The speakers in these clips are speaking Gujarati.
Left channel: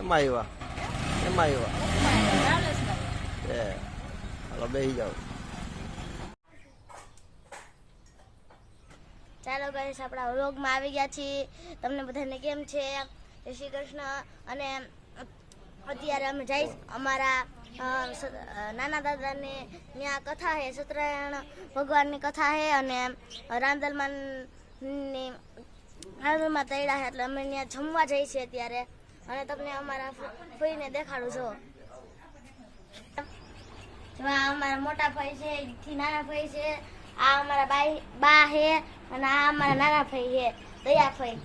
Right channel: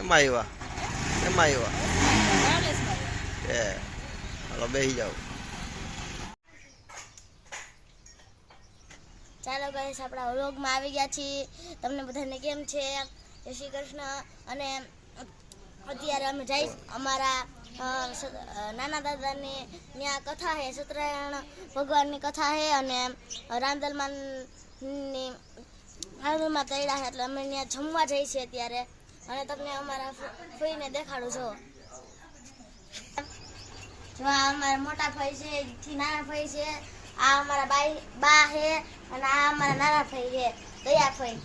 એમાં આવ્યા એમાં આવ્યા એ હાલો બેસી જાઓ. ચાલો ગાઈસ આપણા વ્લોગમાં આવી ગયા છીએ. તમને બધાને કેમ છે? જય શ્રી કૃષ્ણ. અને અત્યારે અમે જઈ અમારા નાના દાદાને ત્યાં કથા છે, સત્યનારાયણ ભગવાનની કથા છે અને રાંદલમાં તૈડા છે એટલે અમે ત્યાં જમવા જઈએ છીએ અત્યારે. અને તમને અમારા ફઈને દેખાડું છો. અમારા મોટા ભાઈ છે, થી નાના ભાઈ છે, આ અમારા બા છે અને આ અમારા નાના ભાઈ છે દયા ભાઈ.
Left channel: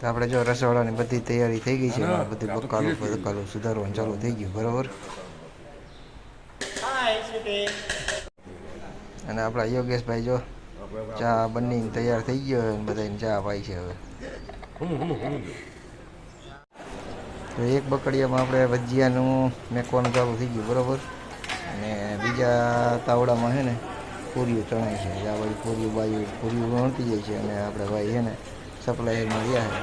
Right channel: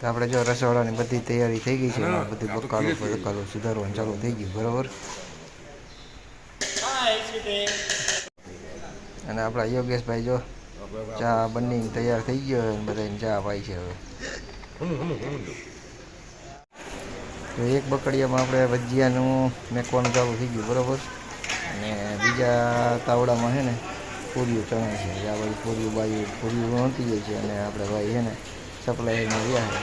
આપણે જો રસોડાની બધી તૈયારી થઈ ગઈ છે. બધી બકાલું સુધારવાનું ચાલુ થઈ ગયું બરાબર. અને આપણા યોગેશભાઈ જો ચા બની તૈયાર થઈ ગયો અને બધાને ચા પાઈ છે. હવે તો એક બકડિયામાં આપણે ભજીયાનું મેકવાનું ચાલુ થઈ ગયું બરાબર. અને બીજા તાવડામાં છે ને પૂરીઓ ચણાય છે. આ બાજુ પૂરીઓ વણતી જાય છે અને આપણે ભાઈ છે ને સપ્લાયરમાં રહ્યા છે.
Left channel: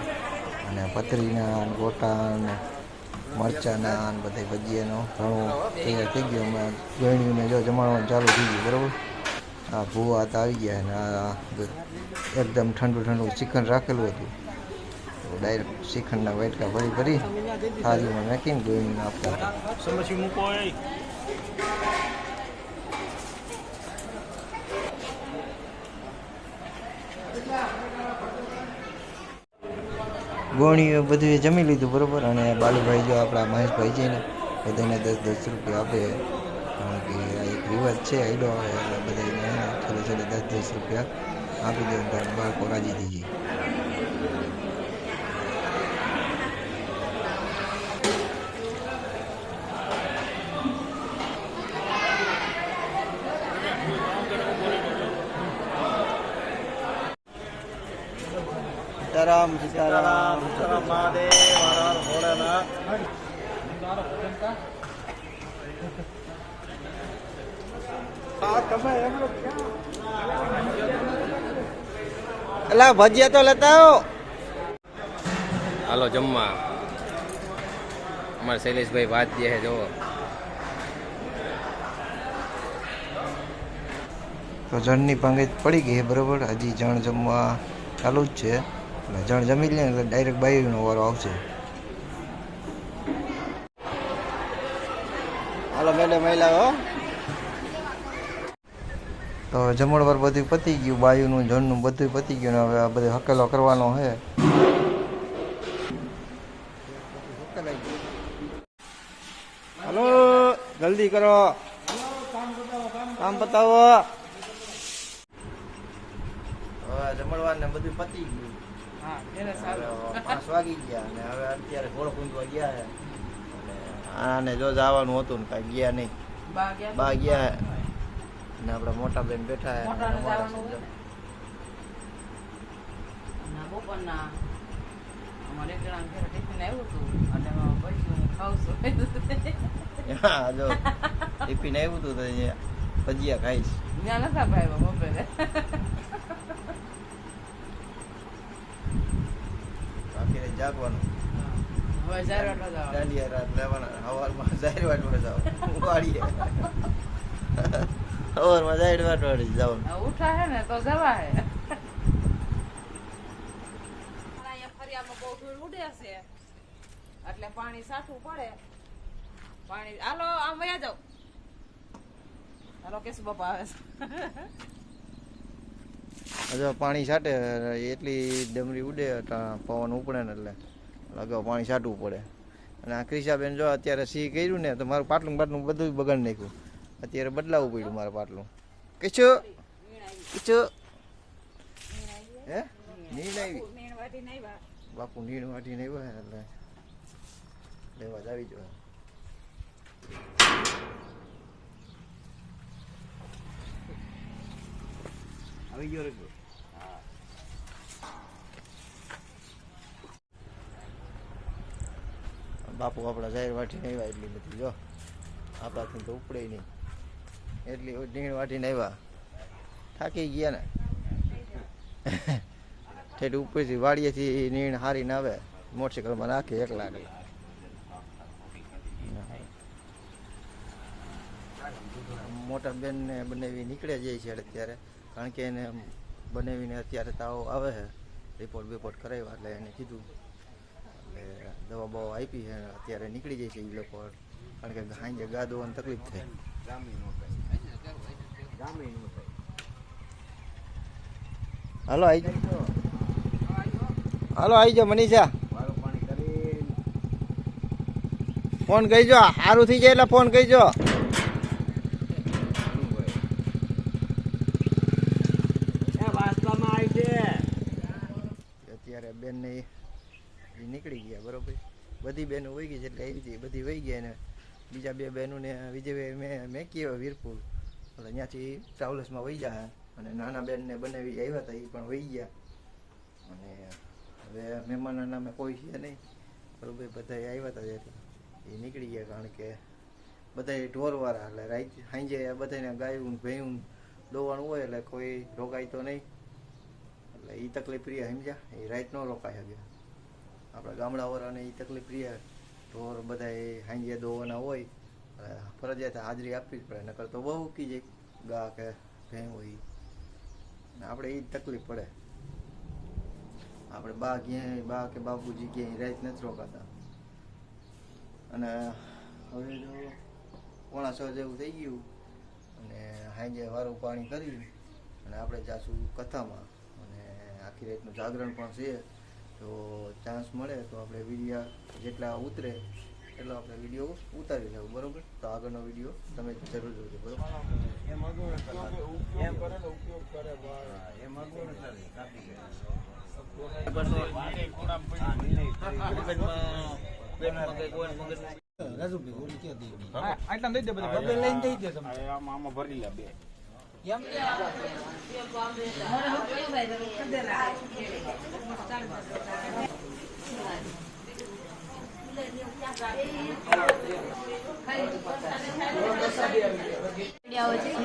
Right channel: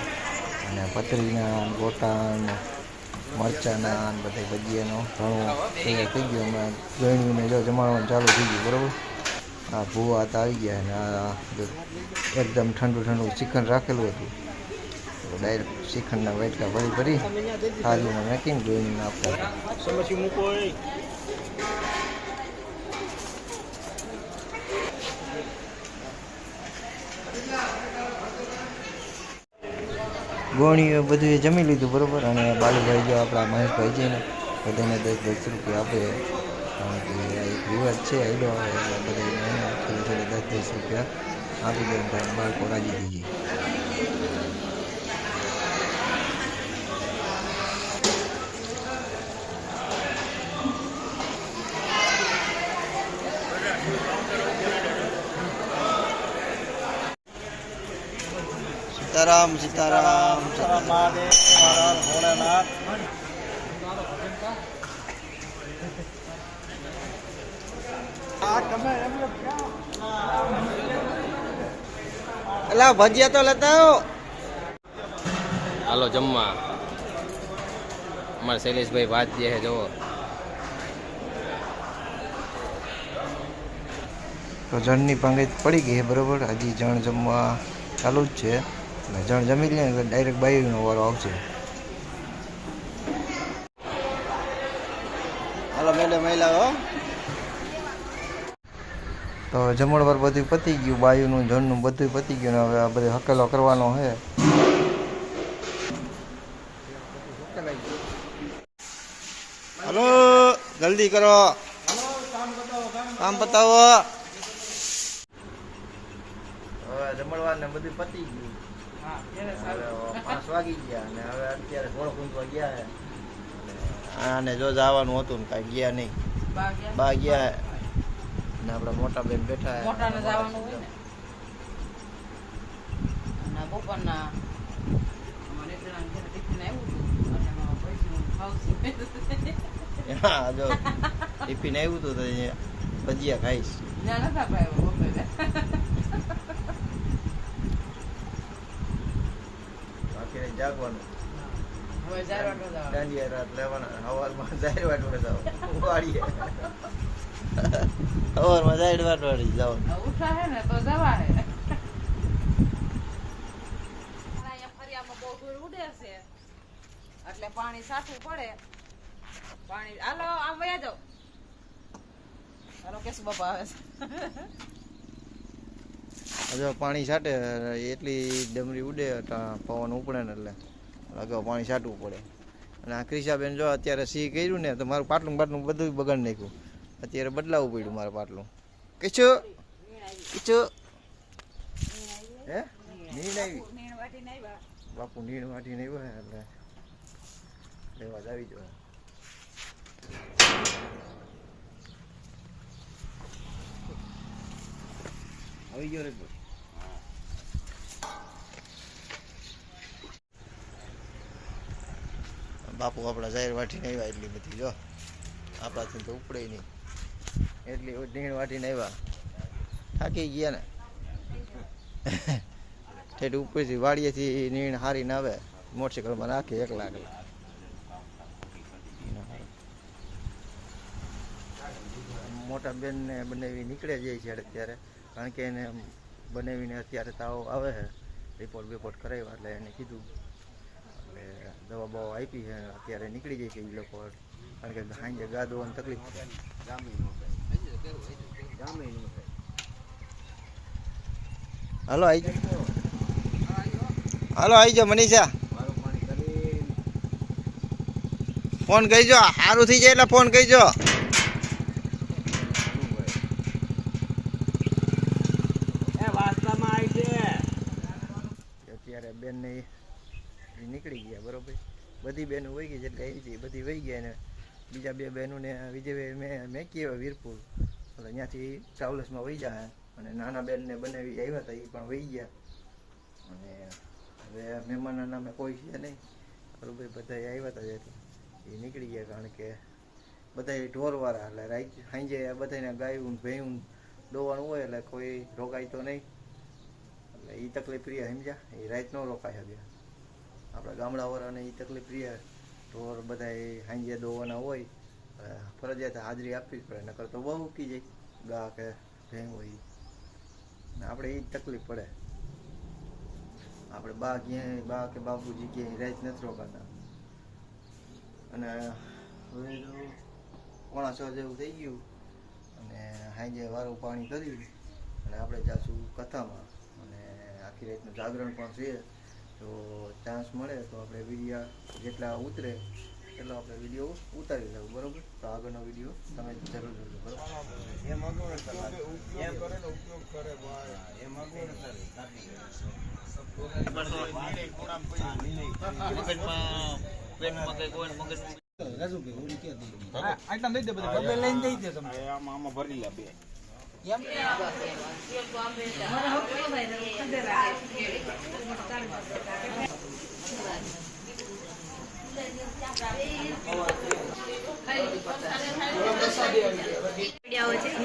અને પતરીના ગોટા ને મરચાંના બધા ભજીયાનો ઘણું તૈયાર થઈ ગયો. અમે ગળણીને જો જમાડવાનું ચાલુ થઈ ગયું બરાબર. આ ભૂવા હતા આવી ગયા અને આ એકદમ ઠંડુ શ્રીખંડ રાખેલું હતું. તો ડાયરેક્ટ શ્રીખંડના વાટકા ભરી થાળીમાં નાખીને ગળણીને આપતા હતા. ગોણીઓ બધું જમી લીધું બરાબર. અને બાલુભાઈ જો આપણા મહેશભાઈ છે ને બધાને 10-10 રૂપિયા આપે. કારણ કે આ એક રિવાજ છે, આઈડો આવે એટલે બધાને છેલ્લે 10-10 રૂપિયા આપી દે ત્યારે બાળકો રાજી થઈ જાય. સીતારામ સીતારામ મહાદેવ હર ભોળાનાથ. અલા ભજીયા તો લેતા આવો. હાલો જમવા. અમારા શૈલેષભાઈ વાત જે છે જોવો. તો જણની પાંગત પડી ગઈ બરાબર. હજી જણ જમવા ચાલુ જ છે. એટલે જણ જમી લે એટલે ડાયરેક્ટ બાઈનો વારો આવશે. હાલો મેડમ આવેલા. તો જમણવાર બધું પતી ગયું. બાયુનું જણનું બધું પતી ગયું. હવે આ બધું હકેલો કરવાનો છે. હલો જલ્દી કરો, કામ બતાવો. હવે જમણવાર ને બધું પતી ગયું. હવે 5 વાગી ગયા અને હવે અત્યારે ઘોડો કૂંદવા ગયા છે. આને જો જવાનું હતું ને કાંઈ ગયા નહીં. બા ગયા ને આપણા મોટા બેન બેઠા હા જો ટિફિન આવ્યું હતું તો ભજીયા ખાઈશ. આખી જાગવાનું. દાંડિયા રાત લેવાના. સવારમાં જાહેર વાટવા જાવ વાળીએ. સવારમાં જાહેર વાટવાડી જાવ. ઉઠા હે ને તો જવા હે. એટલે પાણી સાચું પડે. પાણી હાલો આમ વયા જાવ. હાલો કેસુ બાપા આવે છે. પાણી છાંટે એટલી ડમરી ઉડે પવન ઉપડે ને એટલે અગાઉ પાણી છાંટવું પડે. અને આ ક્રિશાબેન જો અત્યારે સી કર્યું ને તો મારું પાટલું બધું બગાડી નાખ્યું. અત્યારે બદલાવવું પડ્યું મારે પાટલું. કીચો કીચો હે નીણ આવી બાપુ નીણ વાટી નહીં હોય એટલે લેવા જ આવી જોઈએ. આવી ગયો રે બાપુ આપણા જાહેર વાટીને આવ્યા એટલી બધી જો આપણાથી તો ઉપડે નહીં એટલી નીણ વાટીને આવ્યા થાકી ગયા ને ઠેઠ ઉપરથી વાડીએથી નીણ હારીને આવે મોટરસાઇકલમાં નાખે એકલા મોટા બેનને બનાવી નીકળે જાય છે અત્યારે કારણ કે એને બનાવીને અત્યારે તાવ આવે છે રિપોર્ટ કરાવ્યા એટલે એને કીધું એટલે દવા બવા આપી છે અત્યારે નીકળી જાય છે એ લોકો કારણ કે સાંજે ગા દોવાની તકલીફ છે હાલો આવી જાઓ મનીષા ફોન કહીજો સારું થઈ જાય એટલે ફોન કહીજો અત્યારે બેન ને નીકળી ગયા બરોબર બધી બહેનો વહી ગઈ એટલે એ બધી વહી ગયા ને બીજા બે બહેનોને વિજય મેં કહેવાય વીરપુર એટલે ત્યાંથી ટ્રાવેલ્સમાં વહી જાય અને નાના બેનને બનાવી આવ્યા હતા એ પણ વહી ગયા અને હવે મહેમાનના નામે કોઈ છે નહીં બરોબર બધા આવ્યા હતા ત્યાંથી એ નીકળી ગયા કારણ કે બધા ઢોરવાળા એટલે રાત સાંજે બધાને ગાયું ભેયું દોવાનું હોય એટલે કોઈ રોકાય તો નહીં એટલે એ તકલીફ રહ્યા સમજ્યા એ રાત ન રોકાય શકે આપણા ગામડાવાળાને એ તકલીફ રહ્યા ઢોર બધા એ સાંજે દોવાના હોય ફરજિયાત હાજરી આપવી જ પડે નકર તો બહુ ઉકી જાય ગા કે ભેં હોય ને આપણે એ જ તકલીફ પડે આપણે બા કે બાપુજી ક્યાંય રાત નથી રોકાતા અને હવે તો 5:30 જેવું થઈ ગયું અને સાંજે વારું પાણી કરી અને આપણે જાશું કથામાં અને આખી રાતનું જાગરણ પણ છે તો ચાન્સ મળે તો આપણે વિડીયો જેટલા ઉતરે એટલો આપણે વિડીયો ઉતારી લેવું બરોબર તો આગળનો વિડીયો તમે જરૂર જોજો બરોબર આટલા દઈ દે બધા લઈને દઈ દે તમે આમાં ભરી લે બે કેમ વિડીયો છે